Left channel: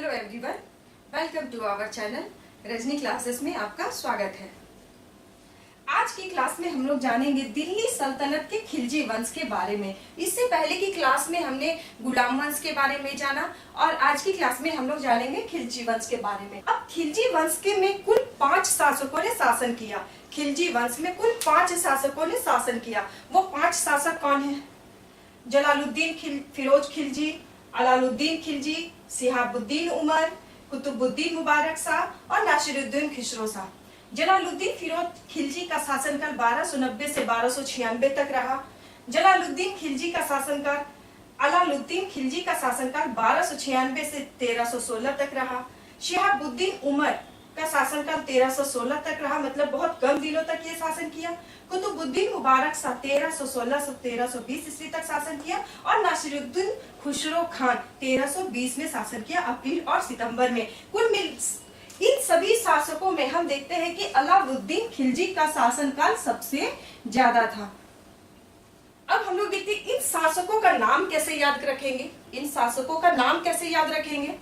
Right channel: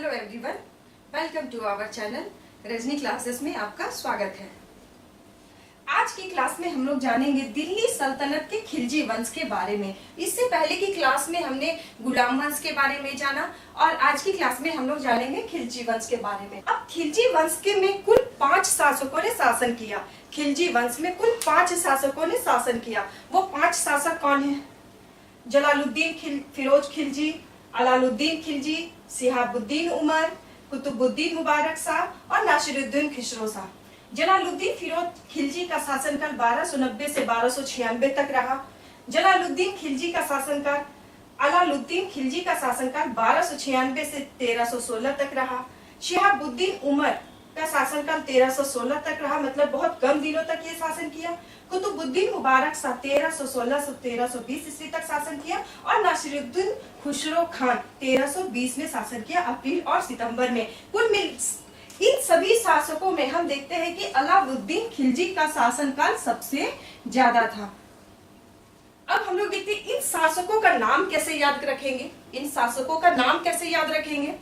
Hello everyone, welcome to our channel Rajni classes में आपका स्वागत है। आज की क्लास में हम लोग जानेंगे दिल्ली सल्तनत के खिलजी वंश के बारे में। इससे पहले की क्लास में हमने गुलाम वंश के बारे में जाना और आज की क्लास में हम लोग जानेंगे खिलजी वंश के बारे में। अब खिलजी वंश के में कुल 5 शासकों ने शासन किया। खिलजी वंश में कुल 5 शासकों ने शासन किया। वो 5 शासक कौन है? जलालुद्दीन फिरोज खिलजी, अलाउद्दीन खिलजी, शिहाबुद्दीन उमर, कुतुबुद्दीन मुबारक शाह और नासिरुद्दीन खिसरो शाह। जलालुद्दीन फिरोज खिलजी का शासनकाल 1290 से 1296 तक रहा। जलालुद्दीन खिलजी का शासनकाल अलाउद्दीन खिलजी का शासनकाल 1296 से 1316 तक रहा। शिहाबुद्दीन उमर का शासनकाल 1316 तक रहा, मतलब बहुत कम दिनों तक ये शासन किया। कुतुबुद्दीन मुबारक शाह 1316 से 1320 ईस्वी तक शासन किया और नासिरुद्दीन खुसरो खान 1320 में शासन किया, अप्रैल और सितंबर में। कुल मिल इन सभी शासकों में हम देखते हैं कि अलाउद्दीन खिलजी का शासनकाल सबसे ज्यादा था। अब हम लोग देखते हैं इन शासकों का नाम कैसे याद रखेंगे। इन शासकों का नाम कैसे याद रखेंगे,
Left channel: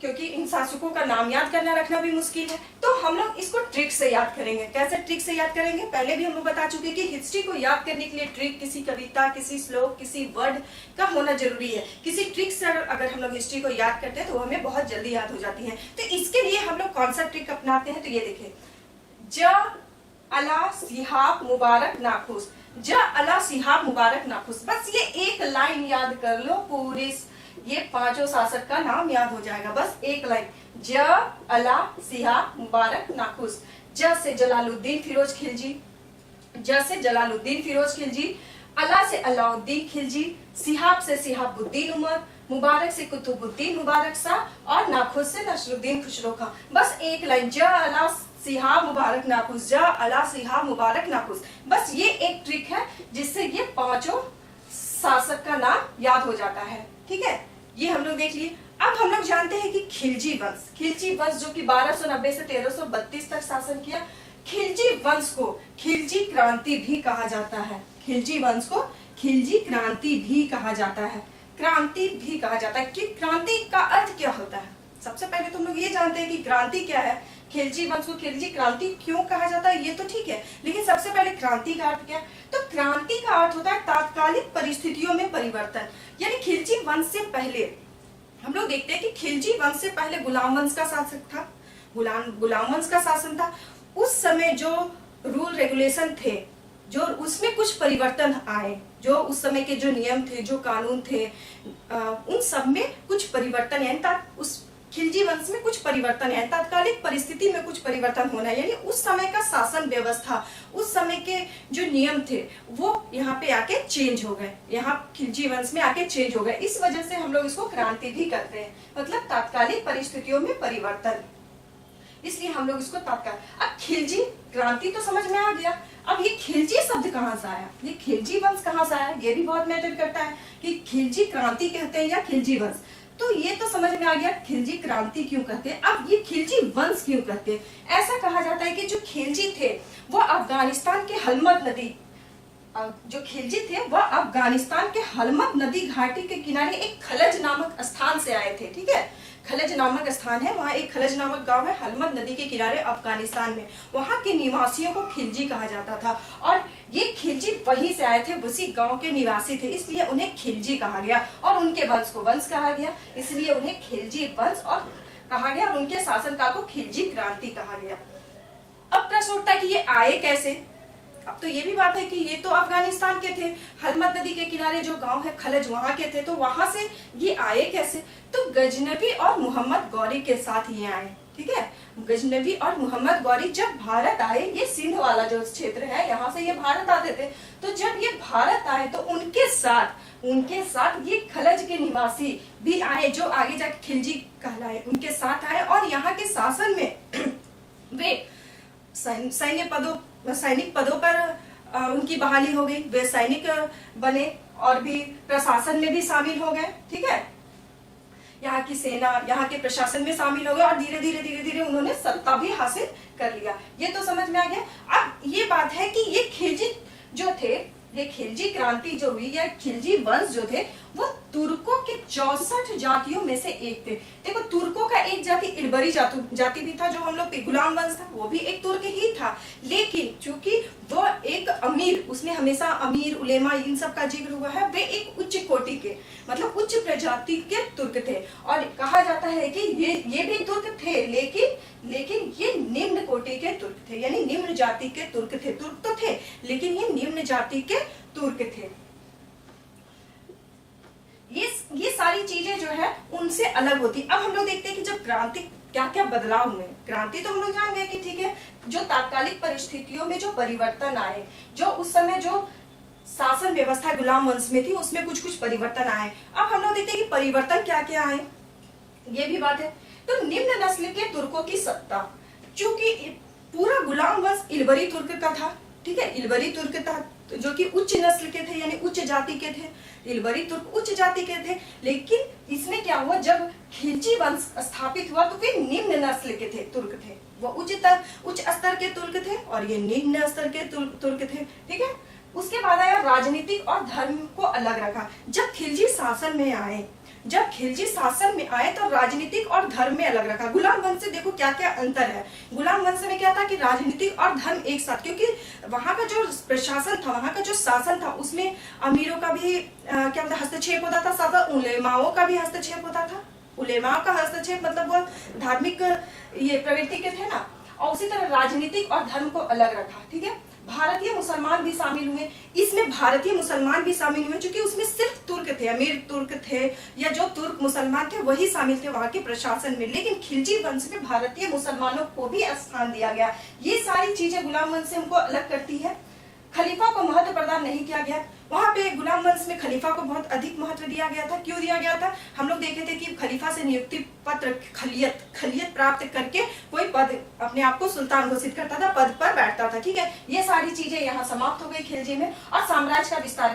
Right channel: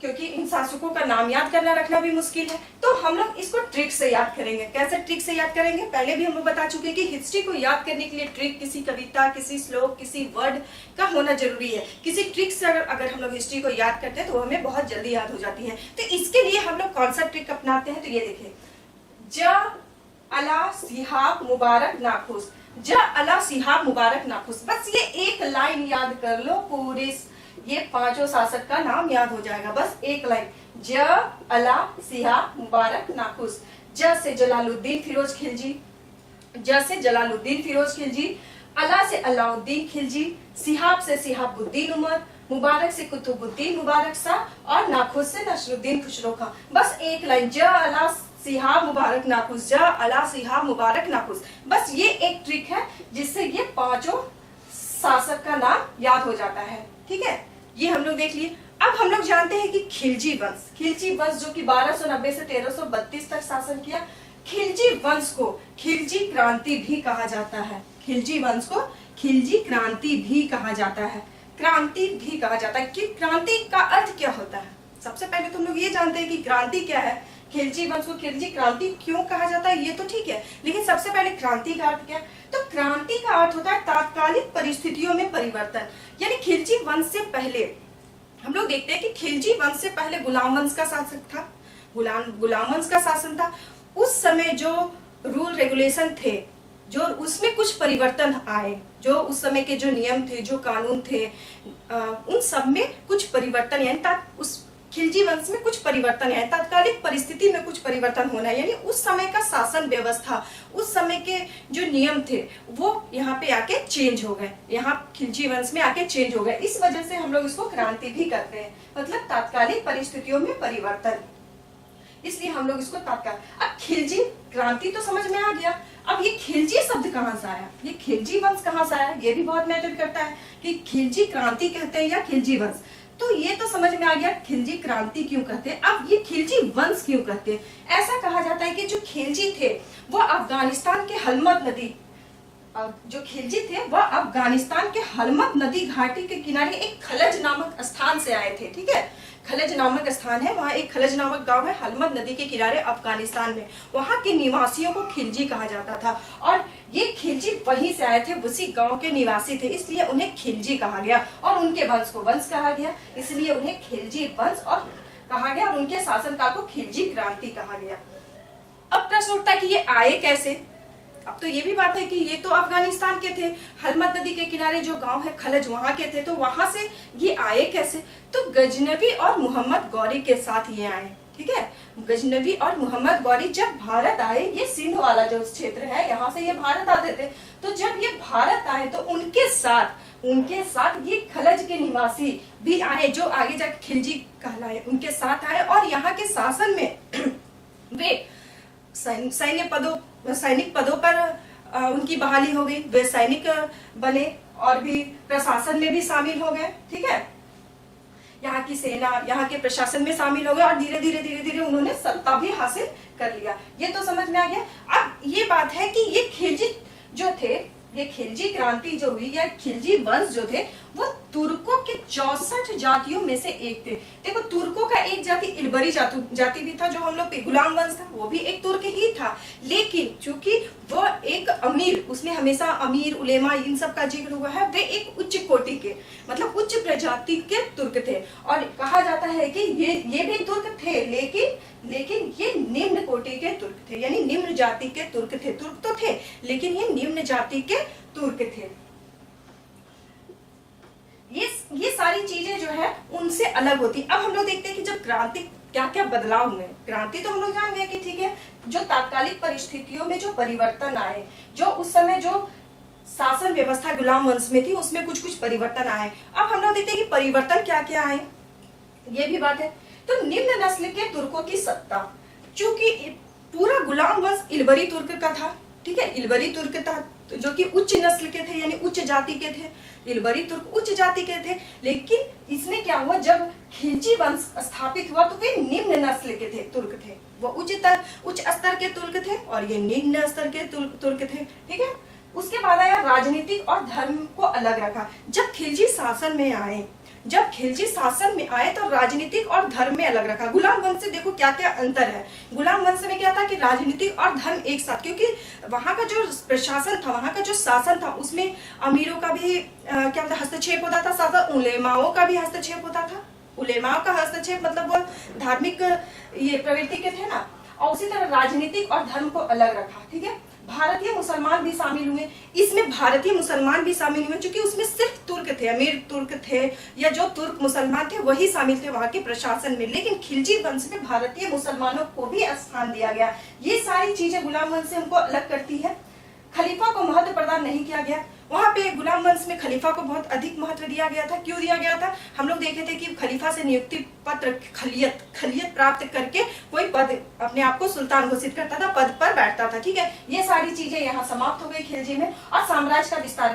क्योंकि इन शासकों का नाम याद करना रखना भी मुश्किल है, तो हम लोग इसको ट्रिक से याद करेंगे। कैसे ट्रिक से याद करेंगे? पहले भी हम लोग बता चुके हैं कि हिस्ट्री को याद करने के लिए ट्रिक किसी कविता, किसी श्लोक, किसी वर्ड का होना जरूरी है। किसी ट्रिक से अगर हम लोग हिस्ट्री को याद करते हैं तो हमें बहुत जल्दी याद हो जाती है। तो इसके लिए हम लोग कौन सा ट्रिक अपनाते हैं, तो ये देखिए, ज अला सिहाब मुबारक नाखुश। ज अला सिहाब मुबारक नाखुश, बस ये एक लाइन याद कर लो, पूरे ये 5 शासक का नाम याद हो जाएगा। बस एक लाइन, ज अला सिहाब मुबारक नाखुश। ज से जलालुद्दीन फिरोज खिलजी, ज से जलालुद्दीन फिरोज खिलजी, अला से अलाउद्दीन खिलजी, सिहाब से सिहाबुद्दीन उमर, मुबारक से कुतुबुद्दीन मुबारक शाह और नाखुश से नासिरुद्दीन खुसरो खान। बस एक लाइन, ज अला सिहाब मुबारक नाखुश, ज अला सिहाब मुबारक नाखुश। बस ये एक ट्रिक है जिससे ये 5 शासक का नाम याद हो जाता है। ठीक है, ये हम लोग देख लिए। अब हम लोग जानते हैं कि खिलजी वंश जो कि 1290 से 1332 तक शासन किया। खिलजी वंश को खिलजी क्रांति भी कहा जाता है। खिलजी वंश को खिलजी क्रांति भी कहा जाता है। क्रांति भी कहा जाता है कि क्रांति का अर्थ क्या होता है। सबसे पहले तुम लोग ये जानते हैं कि क्रांति क्या है। खिलजी वंश को खिलजी क्रांति क्यों कहा जाता है ये तो ठीक है, लेकिन सबसे पहले क्रांति का अर्थ क्या है? तो क्रांति का अर्थ होता है तात्कालिक परिस्थितियों में परिवर्तन। यानी खिलजी वंश से पहले हम लोग देखते हैं कि खिलजी वंश से पहले गुलाम वंश का शासन था। गुलाम वंश का शासन था। उस समय जो रूल रेगुलेशन थे, जो उसमें कुछ परिवर्तन आए, जो उस समय के जो नियम थे, जो कानून थे, उन सब में कुछ परिवर्तन, यानी उस खिलजी वंश में कुछ परिवर्तन है, तात्कालिक परिस्थिति में कुछ परिवर्तन होना, यानी उस समय का शासन व्यवस्था, उस समय के जो नियम थे वो यहाँ पे आके चेंज हो गए, यहाँ खिलजी वंश में आके चेंज हो गए। इस वजह से हम लोग इसको क्रांति भी करते हैं, मतलब तात्कालिक परिस्थितियों में परिवर्तन, इसलिए हम लोग इसको तात्कालिक। अब खिलजी क्रांति तो समझ में आ गया। अब ये खिलजी शब्द कहाँ से आया, ये खिलजी वंश कहाँ से आया, ये भी बहुत मैटर करता है कि खिलजी क्रांति कहते हैं या खिलजी वंश। तो ये तो समझ में आ गया खिलजी क्रांति क्यों कहते हैं। अब ये खिलजी वंश क्यों कहते हैं? ऐसा कहा जाता है कि जो खिलजी थे वह अफगानिस्तान के हलमद नदी, जो खिलजी थे वह अफगानिस्तान के हलमद नदी घाटी के किनारे एक खलज नामक स्थान से आए थे। ठीक है, खलज नामक स्थान है, वहाँ एक खलज नामक गांव है हलमद नदी के किनारे अफगानिस्तान में। वहाँ के निवासियों को खिलजी कहा जाता था और ये खिलजी वहीं से आए थे, उसी गांव के निवासी थे, इसलिए उन्हें खिलजी कहा गया और उनके वंश को वंश कहा गया, इसलिए उन्हें खिलजी वंश और कहा गया। उनके शासनकाल को खिलजी क्रांति कहा गया। अब प्रश्न उठता है कि ये आए कैसे। अब तो ये भी बात है कि ये तो अफगानिस्तान के थे, हलमद नदी के किनारे जो गांव है खलज वहां के थे, तो वहां से ये आए कैसे? तो गजनवी और मोहम्मद गौरी के साथ ये आए। ठीक है, गजनवी और मोहम्मद गौरी जब भारत आए, ये सिंध वाला जो क्षेत्र है यहाँ से ये भारत आते थे, तो जब ये भारत आए तो उनके साथ ये खलज के निवासी भी आए, जो आगे जाके खिलजी कहलाए, उनके साथ आए और यहाँ के शासन में वे सैनिक पदों पर उनकी बहाली हो गई, वे सैनिक बने और भी प्रशासन में भी शामिल हो गए। ठीक है, यहाँ की सेना, यहाँ के प्रशासन में शामिल हो गए और धीरे धीरे उन्होंने सत्ता भी हासिल कर लिया। ये तो समझ में आ गया। अब ये बात है कि ये खिलजी जो थे, ये खिलजी क्रांति जो हुई या खिलजी वंश जो थे वो तुर्कों के 64 जातियों में से एक थे। देखो तुर्क जाति इलबरी जाति भी था, जो हम लोग गुलाम वंश था वो भी एक तुर्क ही था। लेकिन चूंकि वो एक अमीर, उसमें हमेशा अमीर उलेमा इन सब का जिक्र हुआ है, वे एक उच्च कोटि के मतलब उच्च प्रजाति के तुर्क थे। और कहा जाता है कि ये भी तुर्क थे, लेकिन ये निम्न कोटि के तुर्क थे, यानी निम्न जाति के तुर्क थे। तुर्क तो थे लेकिन ये निम्न जाति के तुर्क थे। ये सारी चीजें जो है उनसे अलग होती। अब हम लोग देखते हैं कि जब क्रांति क्या क्या बदलाव हुए। क्रांति तो हम लोग जान गए कि ठीक है, जो तात्कालिक परिस्थितियों में जो परिवर्तन आए, जो उस समय जो शासन व्यवस्था गुलाम वंश में थी उसमें कुछ कुछ परिवर्तन आए। अब हम लोग देखते हैं कि परिवर्तन क्या क्या आए, ये भी बात है। तो निम्न नस्ल के तुर्कों की सत्ता, चूंकि पूरा गुलाम वंश इलबरी तुर्क का था, ठीक है, इलबरी तुर्क था जो कि उच्च नस्ल के थे, यानी उच्च जाति के थे। इलबरी तुर्क उच्च जाति के थे, लेकिन इसमें क्या हुआ, जब खिलजी वंश स्थापित हुआ तो वे निम्न नस्ल के थे, तुर्क थे। वो उच्च स्तर के तुर्क थे और ये निम्न स्तर के तुर्क थे, ठीक है। उसके बाद आया राजनीतिक और धर्म को अलग रखा। जब खिलजी शासन में आए तो राजनीतिक और धर्म में अलग रखा। गुलाम वंश से देखो क्या क्या अंतर है। गुलाम वंश में क्या था कि राजनीतिक और धर्म एक साथ, क्योंकि वहां का जो प्रशासन था, वहां का जो शासन था, उसमें अमीरों का भी क्या मतलब हस्तक्षेप होता था, साथ उलेमाओं का भी हस्तक्षेप होता था। उलेमाओं का हस्तक्षेप मतलब वो धार्मिक ये प्रवृत्ति के थे ना। और उसी तरह राजनीतिक और धर्म को अलग रखा, ठीक है। भारतीय मुसलमान भी शामिल हुए इसमें, भारतीय मुसलमान भी शामिल हुए, क्योंकि उसमें सिर्फ तुर्क थे, अमीर तुर्क थे या जो तुर्क मुसलमान थे वही शामिल थे वहां के प्रशासन में। लेकिन खिलजी वंश में भारतीय मुसलमानों को भी स्थान दिया गया। ये सारी चीजें गुलाम वंश से हमको अलग करती है। खलीफा को महत्व प्रदान नहीं किया गया। वहां पे गुलाम वंश में खलीफा को बहुत अधिक महत्व दिया गया था। क्यों दिया गया था? हम लोग देखे थे कि खलीफा से नियुक्ति पत्र, खलियत प्राप्त करके कोई पद अपने आप को सुल्तान घोषित करता था, पद पर बैठता था, ठीक है। ये सारी चीजें यहाँ समाप्त हो गई खिलजी में। और साम्राज्य का विस्तार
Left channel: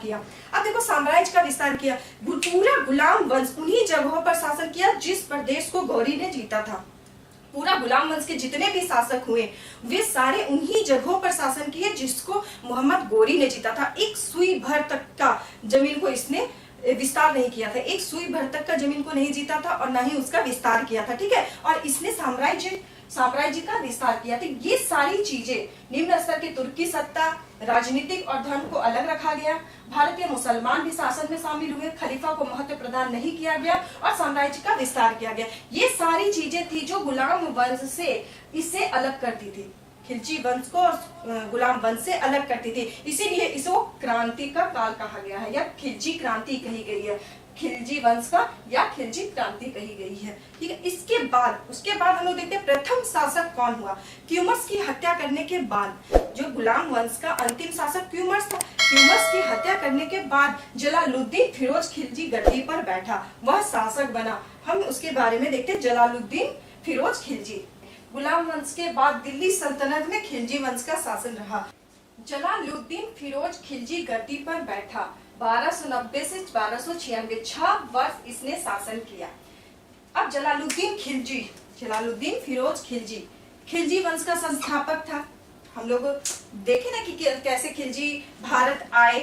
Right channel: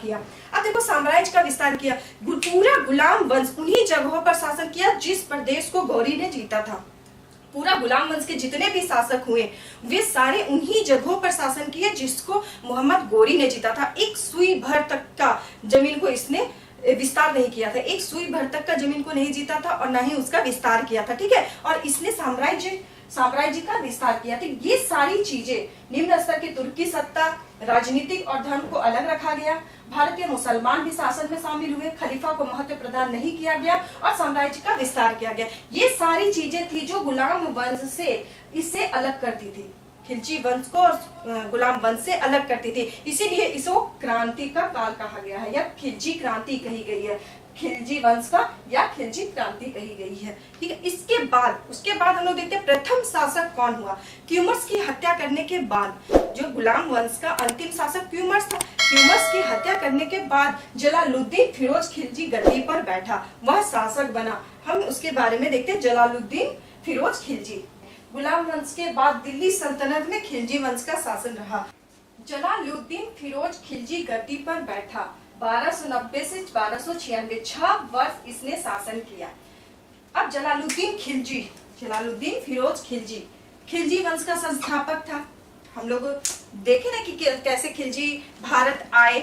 किया। अब देखो साम्राज्य का विस्तार किया, पूरा गुलाम वंश उन्हीं जगहों पर शासन किया जिस प्रदेश को गौरी ने जीता था। पूरा गुलाम वंश के जितने भी शासक हुए वे सारे उन्हीं जगहों पर शासन किए जिसको मोहम्मद गोरी ने जीता था। एक सुई भर तक का जमीन को इसने विस्तार नहीं किया था, एक सुई भर तक का जमीन को नहीं जीता था और ना ही उसका विस्तार किया था, ठीक है। और इसने साम्राज्य का विस्तार किया। तो ये सारी चीजें, निम्न स्तर की तुर्की सत्ता, राजनीतिक और धर्म को अलग रखा गया, भारतीय मुसलमान भी शासन में शामिल हुए, खलीफा को महत्व प्रदान नहीं किया गया और साम्राज्य का विस्तार किया गया। ये सारी चीजें थी जो गुलाम वंश से इससे अलग करती थी, खिलजी वंश को गुलाम वंश से अलग करती थी। इसीलिए इसको क्रांति का काल कहा गया है या खिलजी क्रांति कही गई है, खिलजी वंश का या खिलजी क्रांति कही गई है, ठीक है। उसके बाद हम लोग देखते हैं प्रथम शासक कौन हुआ। क्यूमर्स की हत्या करने के बाद जो गुलाम वंश का अंतिम शासक क्यूमर्स था, क्यूमर्स की हत्या करने के बाद जलालुद्दीन फिरोज खिलजी गद्दी पर बैठा, वह शासक बना। हम उसके बारे में देखते हैं। जलालुद्दीन फिरोज खिलजी, गुलाम वंश के बाद दिल्ली सल्तनत में खिलजी वंश का शासन रहा। जलालुद्दीन फिरोज खिलजी गद्दी पर बैठा, 1290 से 1296 6 वर्ष इसने शासन किया। अब जलालुद्दीन फिरोज खिलजी वंश का संस्थापक था। हम लोग देखे ना कि कैसे खिलजी भारत आए।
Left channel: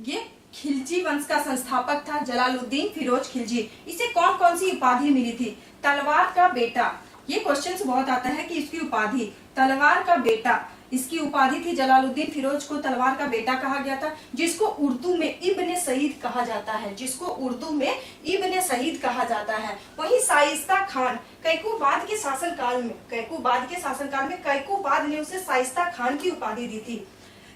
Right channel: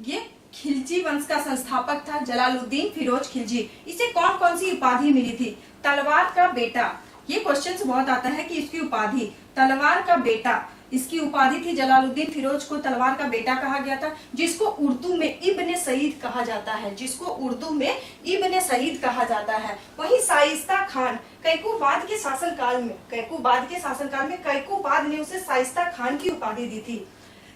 ये खिलजी वंश का संस्थापक था जलालुद्दीन फिरोज खिलजी। इसे कौन कौन सी उपाधि मिली थी? तलवार का बेटा, ये क्वेश्चन बहुत आता है कि इसकी उपाधि तलवार का बेटा, इसकी उपाधि थी। जलालुद्दीन फिरोज को तलवार का बेटा कहा गया था, जिसको उर्दू में इब्ने सईद कहा जाता है, वहीं शाइस्ता खान कैकोबाद के शासनकाल में कैकोबाद ने उसे शाइस्ता खान की उपाधि दी थी।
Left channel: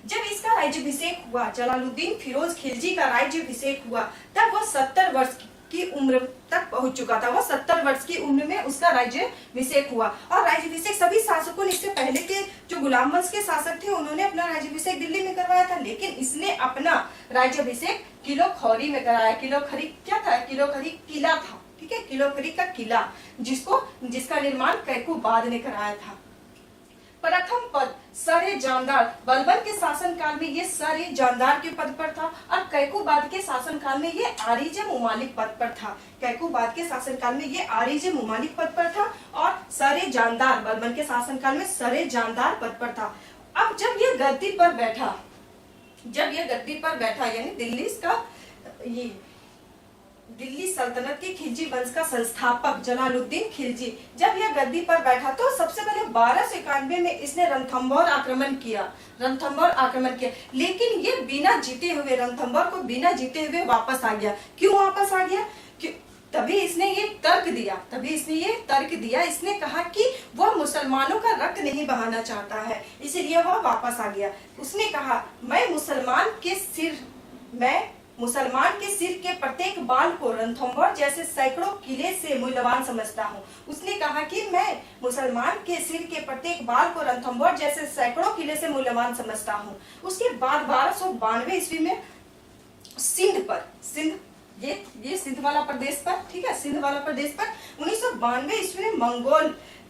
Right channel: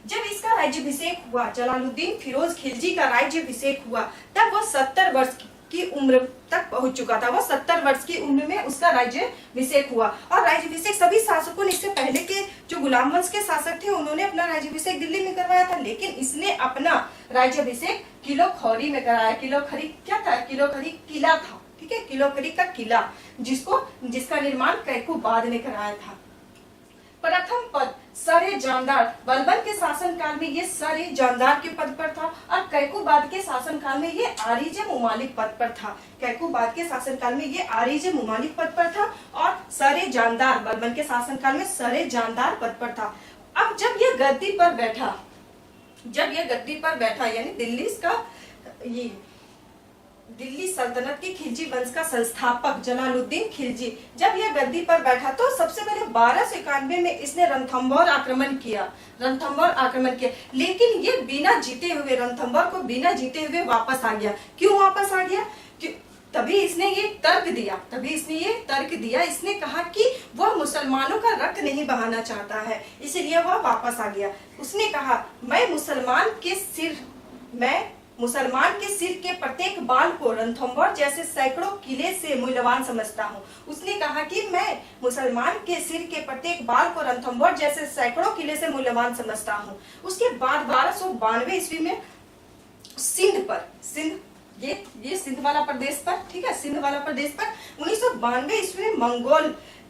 जब इसका राज्याभिषेक हुआ, जलालुद्दीन फिरोज खिलजी का राज्याभिषेक हुआ, तब वो 70 वर्ष की उम्र तक पहुंच चुका था। वो 70 वर्ष की उम्र में उसका राज्याभिषेक हुआ। और राज्याभिषेक सभी शासकों ने, इससे पहले के जो गुलाम वंश के शासक थे उन्होंने अपना राज्याभिषेक दिल्ली में करवाया था, लेकिन इसने अपना राज्याभिषेक किलोखरी में कराया। किलोखरी क्या था? किलोखरी किला था, ठीक है, किलोखरी का किला, जिसका निर्माण कैकोबाद ने कराया था। प्रथम पद सरे जानदार, बलबन के शासनकाल में ये सरे जानदार के पद पर था और कैकोबाद के शासनकाल में ये आरिज मुमालिक पद पर था। कैकोबाद के शासनकाल में ये आरिज मुमालिक पद पर था और सरे जानदार, बलबन के शासनकाल में सरे जानदार पद पर था। अब जब ये गद्दी पर बैठा, यानी दिल्ली का ये सल्तनत के खिलजी वंश का संस्थापक जलालुद्दीन खिलजी जब यह गद्दी पर बैठा तो सबसे पहले 1291 में इसने रणथंभौर आक्रमण किया, लेकिन ये बिना जीते हुए, रणथंभौर को बिना जीते हुए वापस आ गया। क्यों वापस आ गया? तभी इसने ये तर्क दिया, इसने कहा कि वह मुसलमानों का रक्त नहीं बहाना चाहता है, इसीलिए वह वापस आ गया। उसने कहा, मैं मुसलमान के सिर के प्रत्येक बाण को रणथंभौर जैसे सैकड़ों किले से मूल्यवान समझता हूँ। उसने कहा कि मैं मुसलमान के सिर के प्रत्येक बाण को रणथंभौर जैसे सैकड़ों किले से मूल्यवान समझता हूँ। उसके बाद 1292 ईस्वी में ये सिंध वाला प्रदेश पर, ठीक है, सिंध वाला प्रदेश पर 1992 ईस्वी में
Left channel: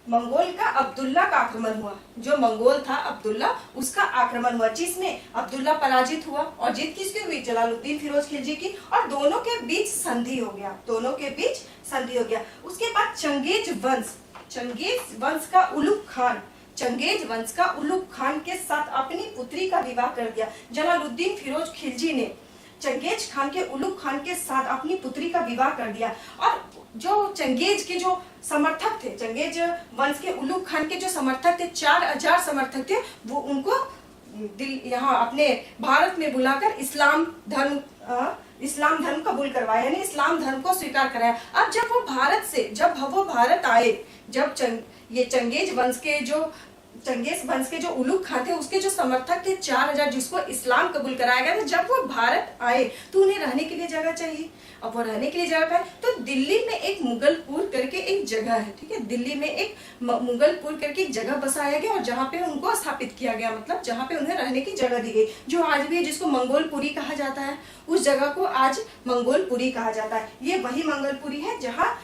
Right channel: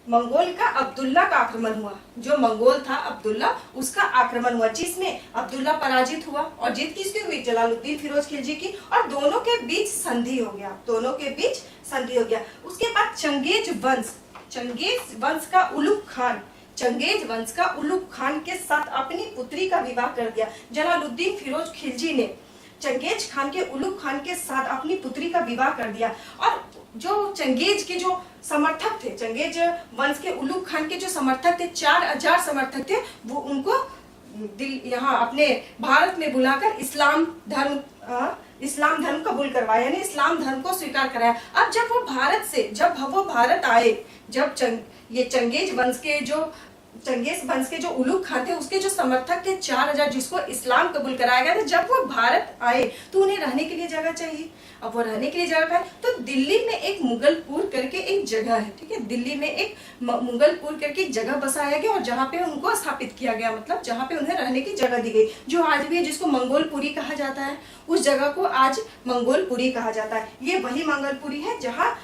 मंगोल का अब्दुल्ला का आक्रमण हुआ। जो मंगोल था अब्दुल्ला, उसका आक्रमण हुआ, जिसमें अब्दुल्ला पराजित हुआ। और जीत किसकी हुई? जलालुद्दीन फिरोज खिलजी की। और दोनों के बीच संधि हो गया। उसके बाद चंगेज वंश का उलुग खान के साथ अपनी पुत्री का विवाह कर दिया। जलालुद्दीन फिरोज खिलजी ने चंगेज खान के उलुग खान के साथ अपनी पुत्री का विवाह कर दिया। और जो चंगेज के जो समर्थक थे, चंगेज वंश के उलुग खान के जो समर्थक थे, 4000 समर्थक थे, वो उनको यहाँ अपने भारत में बुलाकर इस्लाम धर्म कबूल करवाया, यानी इस्लाम धर्म को स्वीकार कराया। अब जब वो भारत आए, ये चंगेज वंश के जो उलुग खान थे, उसके जो समर्थक थे 4000, जिसको इस्लाम कबूल कराया गया था, जब वो भारत आए तो उन्हें रहने के लिए जगह चाहिए। अब वो रहने के लिए जगह है तो दिल्ली में एक मुगलपुर करके एक जगह है, ठीक है, दिल्ली में एक मुगलपुर करके एक जगह बसाया गया और जहाँ पे उनको स्थापित किया गया, मतलब जहाँ पे उन्हें रहने की जगह दी गई, जो आज भी है, जिसको मंगोलपुरी कहा जाता है। उस जगह को आज मंगोलपुरी कहा जाता है। ये वही मंगोलपुरी है जहाँ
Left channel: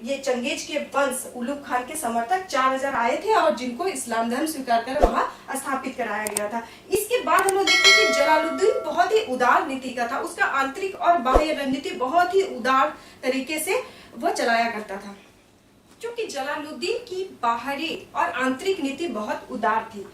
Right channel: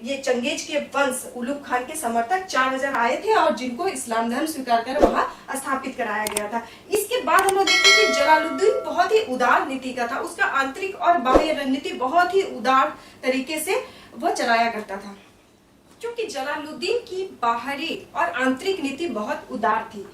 ये चंगेज के वंश उलुग खान के समर्थक 4000 आए थे और जिनको इस्लाम धर्म स्वीकार कर वहां स्थापित कराया गया था। इसके बाद हम लोग देखते हैं कि जलालुद्दीन बहुत ही उदार नीति का था। उसका आंतरिक और बाह्य रणनीति बहुत ही उदार तरीके से वह चलाया करता था। क्योंकि जलालुद्दीन की बाहरी और आंतरिक नीति बहुत उदार थी।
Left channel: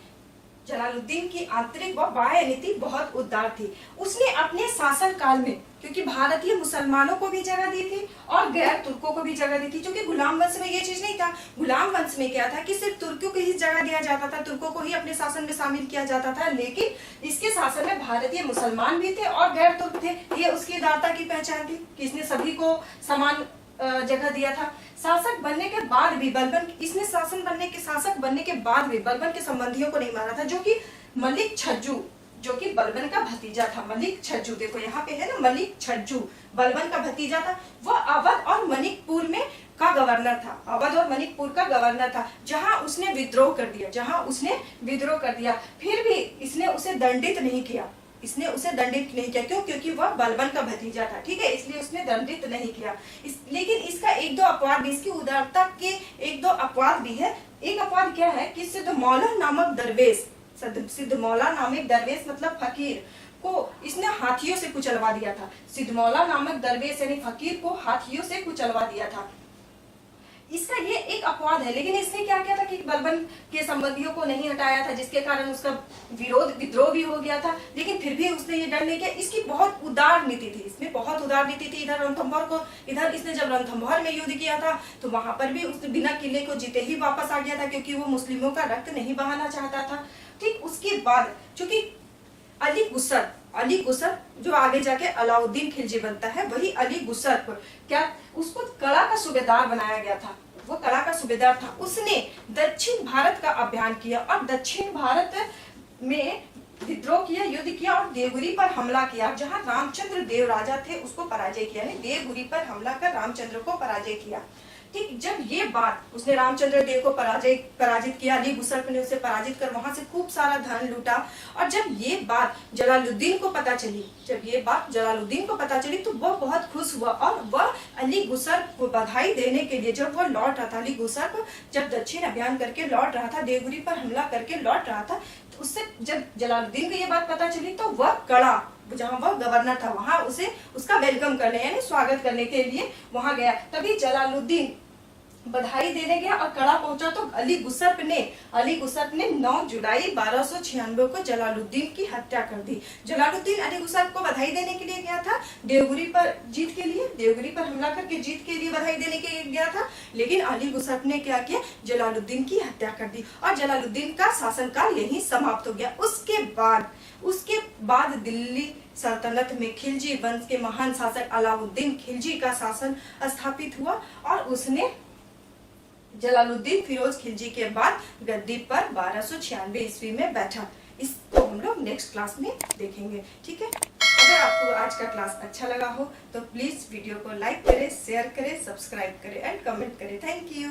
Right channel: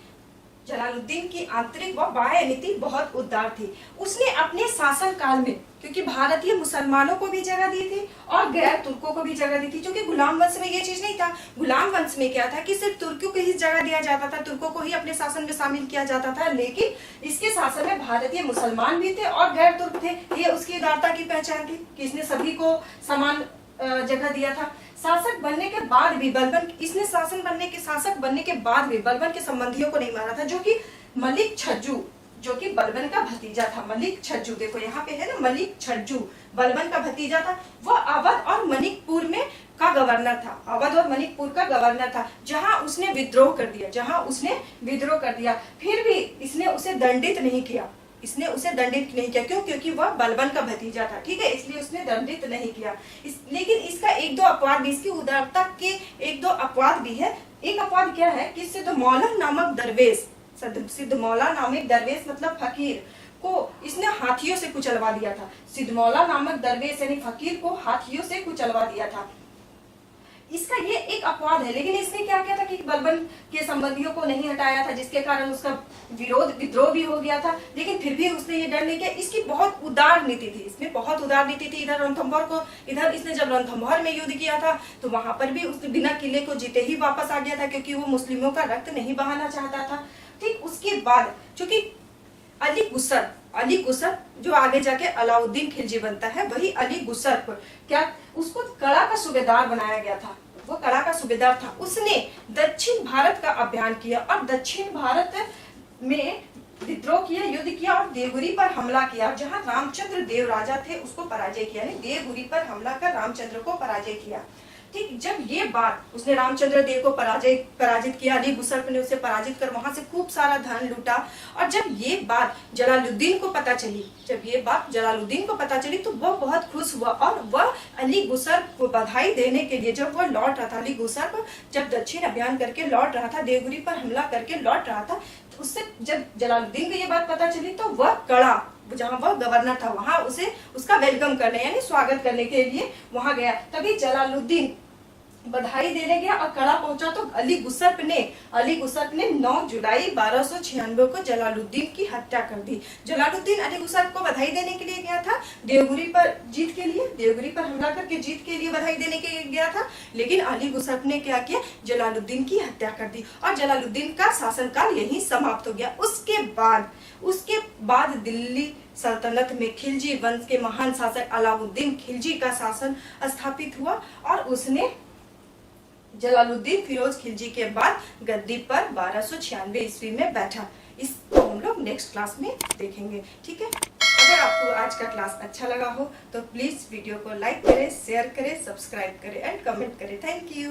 जलालुद्दीन की आंतरिक व बाह्य नीति बहुत उदार थी। उसने अपने शासन काल में, क्योंकि भारतीय मुसलमानों को भी जगह दी थी और गैर तुर्कों को भी जगह दी थी, क्योंकि गुलाम वंश में ये चीज नहीं था। गुलाम वंश में क्या था कि सिर्फ तुर्कों को ही जगह दिया जाता था, तुर्कों को ही अपने शासन में शामिल किया जाता था, लेकिन इसके शासन में भारतीय मुसलमान भी थे और गैर तुर्क थे। ये उसकी उदारता की पहचान थी कि इसने सभी को समान जगह दिया था। शासक बनने के बाद भी शासक बनने के बाद भी बलबन के संबंधियों को नहीं मारा था, जो कि मलिक छज्जू, जो कि बलबन का भतीजा था। मलिक छज्जू, देखो यहाँ पे है ना, मलिक छज्जू बलबन का भतीजा था। वह अवध और मणिकपुर का गवर्नर था, जहां उसने विद्रोह कर दिया। फिर भी इसने उसे दंडित नहीं किया। क्यों? क्योंकि वह बलबन का भतीजा था, ठीक है, इसलिए उसने दंडित नहीं किया। लेकिन इसका एक दो अपवाद भी, इसकी उदारता के एक दो अपवाद भी है। एक अपवाद क्या है कि सिद्धमौला नामक दरवेश मतलब फकीर को इसने हाथियों से कुचलवा दिया था। सिद्धमौला नामक दरवेश यानी फकीर को हाथियों से कुचलवा दिया था। इसका ये एक अपवाद है। लेकिन इसने क्या किया था कि बलबन के संबंधियों को नहीं हटाया था, जिसके कारण उसका विद्रोह भी हो गया था। लेकिन फिर भी उसने ये डर नहीं किया। इसकी बहुत उदार नीति थी, इधर इसने जब रणथंभौर में युद्ध किया था तो वहां पर भी उसने बिना किले को जीते ही वापस आ गया था, क्योंकि वो मुस्लिमों का रक्त नहीं बहाना चाहता था। ठीक, उसके बाद चूंकि अली गुसर जो आगे जाके अलाउद्दीन खिलजी बनता है, वही अली गुसर को उसको कला का सूबेदार बनाया गया था। वो कला का सूबेदार था। उसने दक्षिण भारत का अभियान किया और दक्षिण भारत में विद्रोह किया, युद्ध किया और देवगिरी पर हमला किया, जहां रामचंद्र देव राजा थे उसको पराजय किया। देवगिरी पर हमला कर रामचंद्र को पराजय किया। ठीक, जब ये बात उसने रामचंद्र देव को पराजित किया, अली गुसर ने उसे पराजित कर वहां से खूब सारा धन लूटा। और जब ये बात जलालुद्दीन को पता चली तो वह बहुत खुश हुआ और वह अली गुसर को बधाई देने के लिए जब वो लौट रहा था, अली गुसर को जब दक्षिण अभियान करके लौट रहा था, देवगिरी पर हमला करके लौट रहा था, तो उससे जब जलालुद्दीन को ये बात पता चली तो वह कड़ा, जहाँ वह गवर्नर था, वहां उसका वेलकम करने यानी स्वागत करने के लिए वहां गया। तभी जलालुद्दीन बधाई देने गया और कड़ा पहुंचा तो अली गुसप ने 9 जुलाई 1296 को जलालुद्दीन की हत्या कर दी। जलालुद्दीन अली गुसप को बधाई देने के लिए गया था, देवगिरी पर देवगिरी पर हमला करके जीत के लिए बधाई देने के लिए गया था, लेकिन अली गुसप ने क्या किया, जलालुद्दीन की हत्या कर दी और जलालुद्दीन का शासनकाल यहीं समाप्त हो गया। उसके बाद दिल्ली सल्तनत में खिलजी वंश के महान शासक अलाउद्दीन खिलजी का शासन स्थापित हुआ और उसने जलालुद्दीन फिरोज खिलजी के बाद गद्दी पर 1296 ईस्वी में बैठा। इसको हम लोग नेक्स्ट क्लास में देखेंगे, ठीक है। अगर आपको आज का क्लास अच्छा लगा हो तो प्लीज वीडियो को लाइक करें, शेयर करें, सब्सक्राइब करें एंड कमेंट करें। Thank you.